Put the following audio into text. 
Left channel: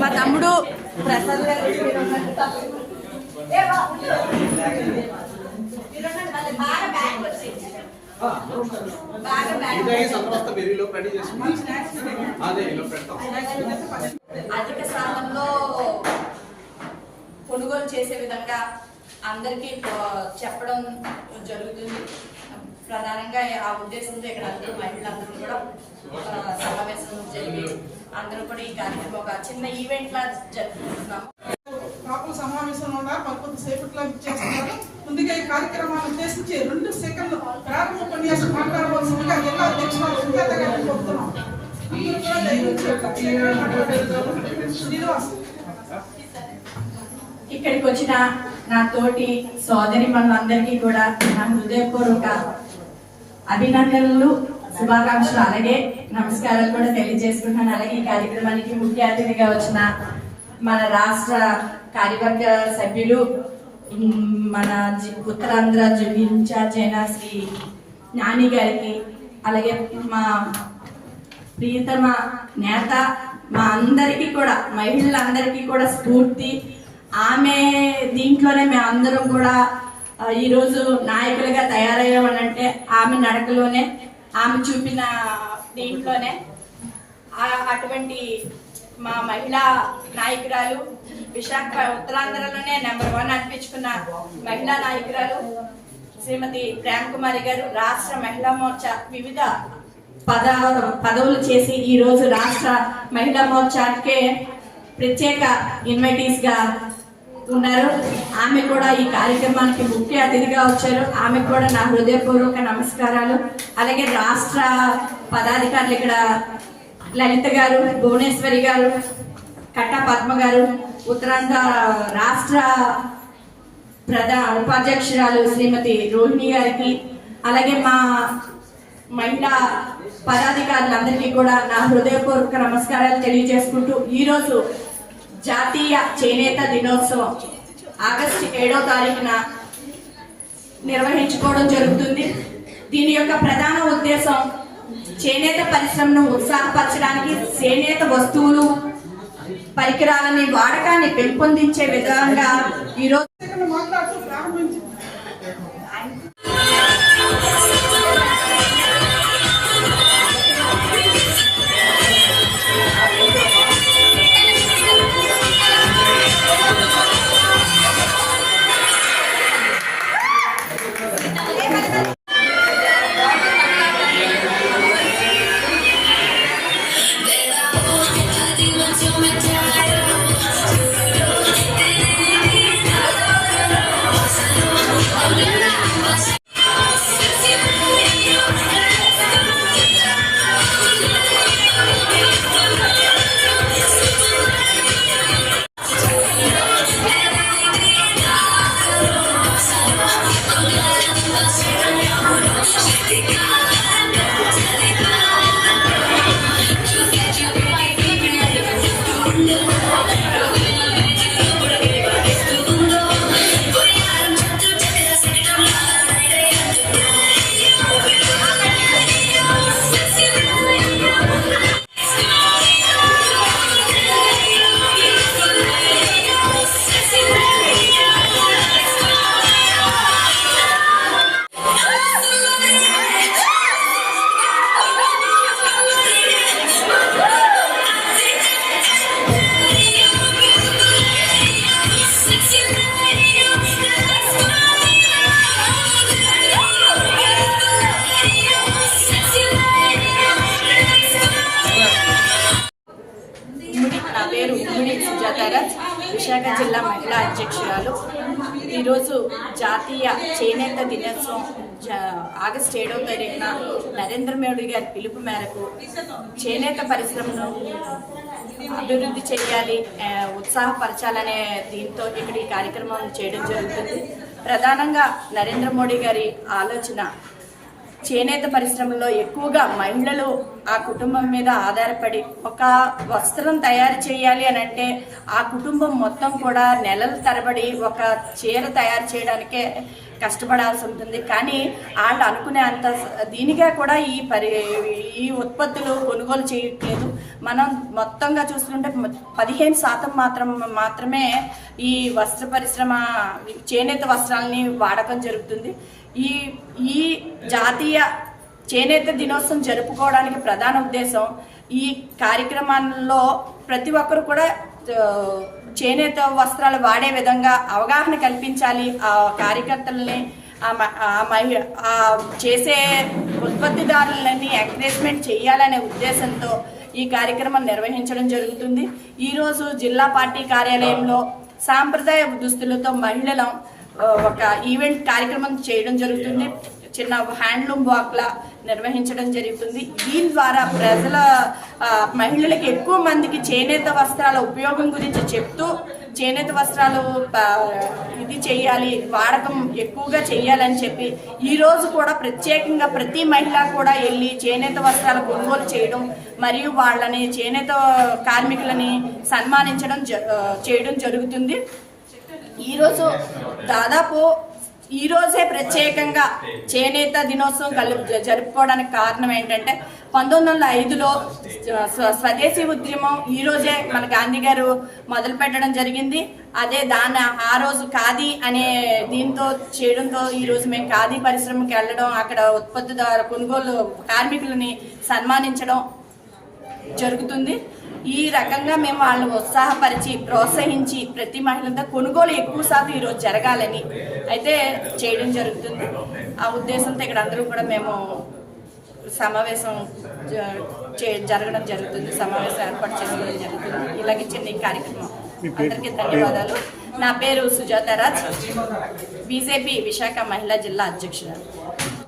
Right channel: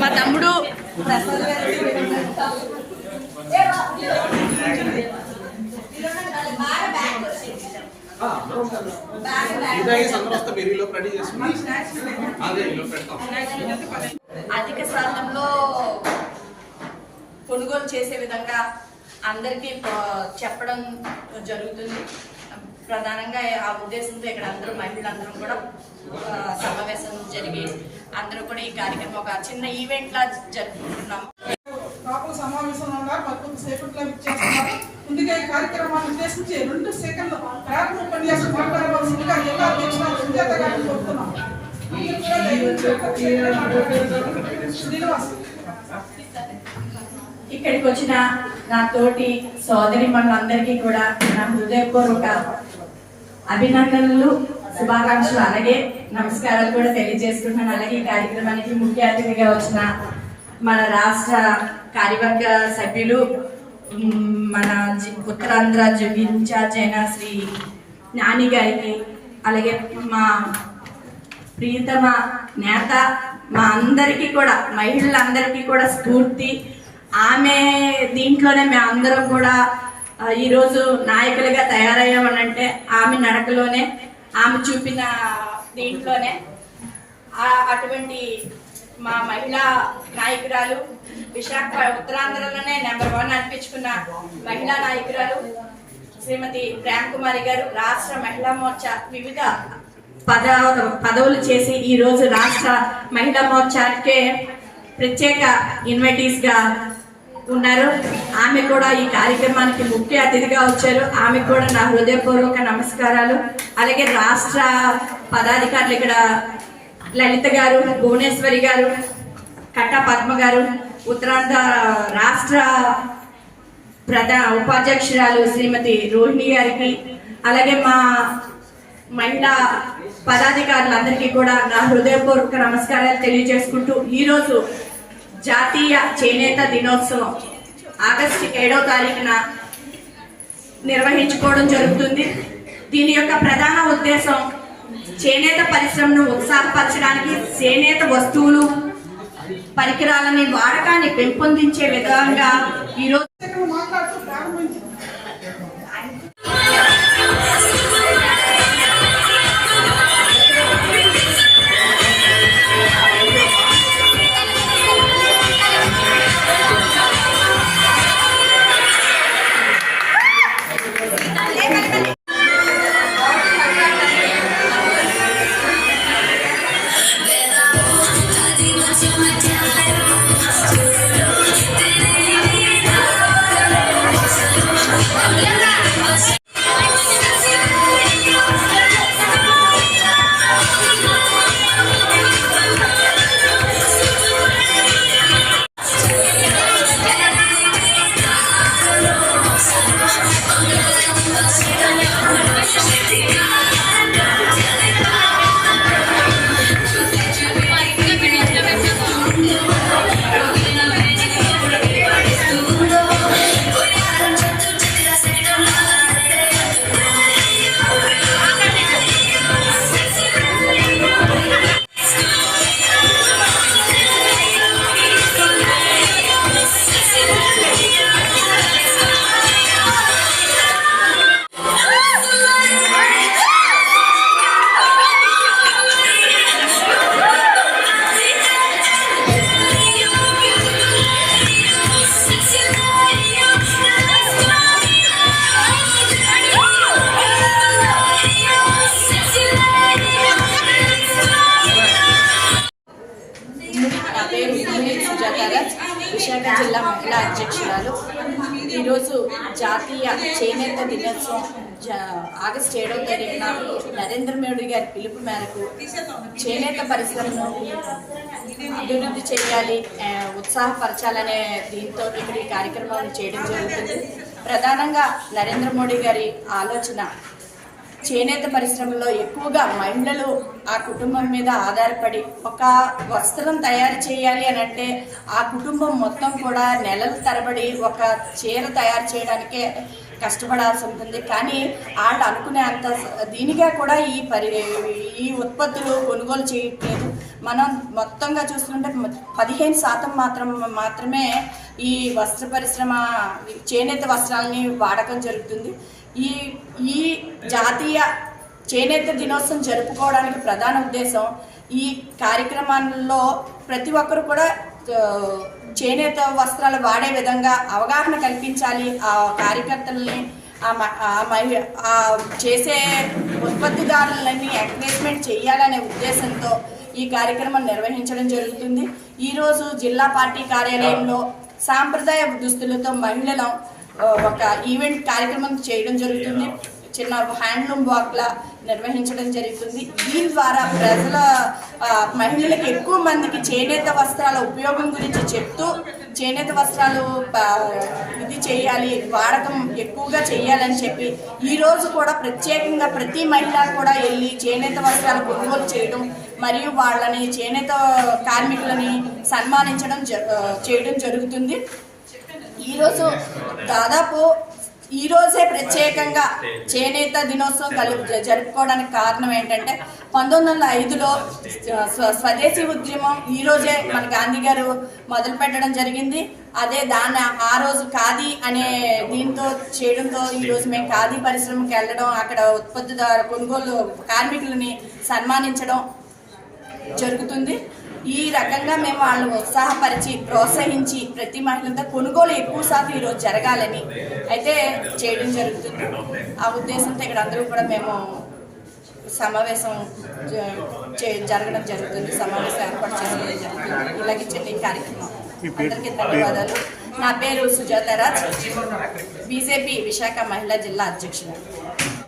మా తమ్ముడు ప్రసాద్ గారు అధిక స్థానంలో కొనుగోలు చేసే విధంగా అందరికీ చెప్పడం జరుగుతుంది. ప్రధానంగా ఆ ఉద్దేశంతో ఇక్కడ అందరూ మహిళలందరూ కూడా సమావేశం జరిగి అందరూ కూడా ఈ కార్యక్రమం ఒక చిన్న ఈవెంట్ లా జరుపుకుంటున్నాము. సమావేశంలో ఉన్నారు, కొంత సేపట్లో ఇచ్చేస్తున్నారు. ముందుగా ఈ కార్యక్రమాన్ని ఉద్దేశించి 2 సెకండ్లు ప్రారంభ ఉపన్యాసం మాట్లాడవలసిందిగా జిల్లా అధ్యక్షులు సుజాత గారిని కోరుతున్నాం. ఇక్కడికి వచ్చిన నా తోటి సోదరి మనందరికీ కూడా నా హృదయపూర్వక అభినందనలు, శుభాకాంక్షలు, అలాగే నమస్కారాలు కూడా తెలియజేసుకుంటున్నాను. అలాగే ఈ కార్యక్రమానికి ముఖ్య అతిథిగా వచ్చిన మన రాష్ట్ర కార్యవర్గ సభ్యులు, మన ఉత్తరాంధ్ర ఇన్ఛార్జ్ అయిన శ్రీ నాని గారికి, అలాగే మా ప్రియతమ నేత, మా అందరికీ కూడా మహిళలందరికీ కూడా స్ఫూర్తి. ఆమె దీంట్లోనే మేమందరం కూడా ఈరోజు నాయకులుగా తయారయ్యామనంటే ఆమె నడకలోనే, ఆమె చూపిన దీంట్లోనే. అటువంటి మా మహిళా నాయకురాలు, విశాఖ ఉత్తరాంధ్రలోనే నెంబర్ 1 అనిపించుకున్న మహిళా నాయకురాలు శ్రీమతి ప్రేమ కుమారి గారు రాష్ట్ర మహిళా మోర్చా వివిధ పదవులు చేసి ఈ రోజు రాష్ట్ర మహిళా మోర్చాకే ప్రత్యేక ఇన్వైటీస్ గా ఉన్నారు. ఆమె కూడా ఈ కార్యక్రమానికి ముఖ్య అతిథిగా వచ్చారు. ఆమె కూడా నా హృదయపూర్వక నమస్కారాలు. అలాగే రాష్ట్ర పదాధికారులు ఇక్కడ లలిత గారు, భువనేశ్వరి గారు, కట్టా పద్మ గారు, ఉత్తరాంధ్ర రాష్ట్ర ఉపాధ్యక్షురాలు శ్రీమతి రోహిణి గారికి, అలాగే మా మహిళా పదాధికారులందరికీ కూడా నా హృదయపూర్వక నమస్కారాలు తెలియజేసుకుంటూ ఈరోజు జాతీయ చేనేత దినోత్సవం ఆగస్టు 7వ తారీఖున నిర్వహించుకోవడం జరుగుతుంది. దీని యొక్క ప్రధాన ఉద్దేశం చేనేత పరిశ్రమను ఉత్సాహపరచడానికి, చేనేత వస్తువులు పరికరాలని వాడకాన్ని పెంపొందించే విధంగా ఈరోజు మాట్లాడుతూ ప్రారంభించింది. విశాఖ జిల్లా మహిళా అధ్యక్షురాలు. ఈరోజు జాతీయ చేనేత దినోత్సవం ఆగస్టు 7వ తారీఖున నరేంద్ర మోడీ గారి పిలుపు మేరకు చేనేత పరిశ్రమను అభివృద్ధి చేయాలి, ఉత్సాహపరచాలనే దీంతో ఇక్కడ ఈ కార్యక్రమం చేయడం జరుగుతుంది. ప్రధానంగా నరేంద్ర మోడీ గారి ఆలోచన చేనేత పరిశ్రమలో ఎక్కువగా మహిళలు ఆ కుటుంబం మీద ఆధారపడి ఒక వస్త్రం తయారు చేయాలి అని అంటే ఆ కుటుంబం మొత్తం కూడా నెలల తరబడి ఒక చీర తయారు చేయడానికే కష్టపడాల్సి ఉంటుంది. కానీ వాళ్ళు అనుకునే అంత దీనిగా కూడా ఈ ఉత్పత్తులు కొనుగోలు చేయట్లేదు. మనం మొత్తంగా చూస్తుంటే 15% మాత్రమే ఈ వస్త్ర పరిశ్రమ చేనేత వస్త్రాలని వాడకం జరుగుతుంది. ఈ జాతీయ చేనేత దినోత్సవం జరుపుకోవడానికి ప్రధాన ఉద్దేశం ఈ కార్యక్రమాల్లో ప్రతి ఒక్కరు కూడా చేనేత వస్త్రాలు వాడే విధంగా అవగాహన కల్పించాలి. ఆ కార్యకర్తలని ఆ చేసే ఉత్పత్తిదారులని ఎంకరేజ్మెంట్ చేయాలనే ఉద్దేశంతో ఈ కార్యక్రమం నిర్వహించడం జరుగుతుంది. ఈరోజు జిల్లా పార్టీ కార్యాలయంలో సాంప్రదాయ దుస్తులతో మహిళలు ఒక ఈవెంట్ కార్యక్రమం చేయడం జరుగుతుంది. చిన్న హ్యాండ్లూమ్ వాక్లా నిర్వహించడం జరుగుతుంది. దీని ద్వారా మహిళలకు ఎక్కువ మందికి చేనేత వస్త్రాల ఉపయోగం గురించి చెప్తూ చేనేత వస్త్రాలు ఇది చేయాలి, వాడకం ఎక్కువగా చేయాలని చెప్పి ఈరోజు కూడా ప్రత్యేకంగా ప్రతి మహిళ కూడా వెళ్ళి చేనేత వస్త్రాలు కొనుగోలు చేయడం మరియు వాళ్ళని చేనేత కార్మికులని సన్మానించడం చేయడం జరుగుతుంది. ఈరోజు దాదాపు ఈరోజే ప్రత్యేకంగా చేనేత దినోత్సవం జరుపుకోవడానికి కారణం ఏంటంటే 1905లో స్వదేశీ ఉద్యమం ఈరోజే మన గాంధీ గారు మొదలు పెట్టడం జరిగింది. అదే దాన్ని ఆ రోజు ఖాదీ అనే దీంతో చేయడంతో ఈరోజు మేము ఖాదీ పరిశ్రమకి వెళ్ళడం, అక్కడ ఉత్పత్తిదారు కొనుగోలు కార్మికులని సన్మానించడం జరుగుతుంది. ఈ రకంగా మేము వాళ్ళని ఉత్సాహపరిచి ప్రోత్సహించి ప్రతి మహిళతో కొనుగోలు ఎక్కువ శాతం ఈరోజు జరగాలని అయితే చేయడం జరుగుతుంది. ఆ ఉద్దేశంతో ఇక్కడ అందరూ కూడా మేము సమావేశం జరగడం జరుగుతుంది, సమావేశం ఏర్పాటు చేసుకోవడం జరుగుతుంది. ఇలాగే చిన్న కార్యక్రమం. అందరికీ ధన్యవాదాలు. నా పేరు సుజాతారాజ్, బీజేపీ విశాఖ మహిళా జిల్లా అధ్యక్షురాలు.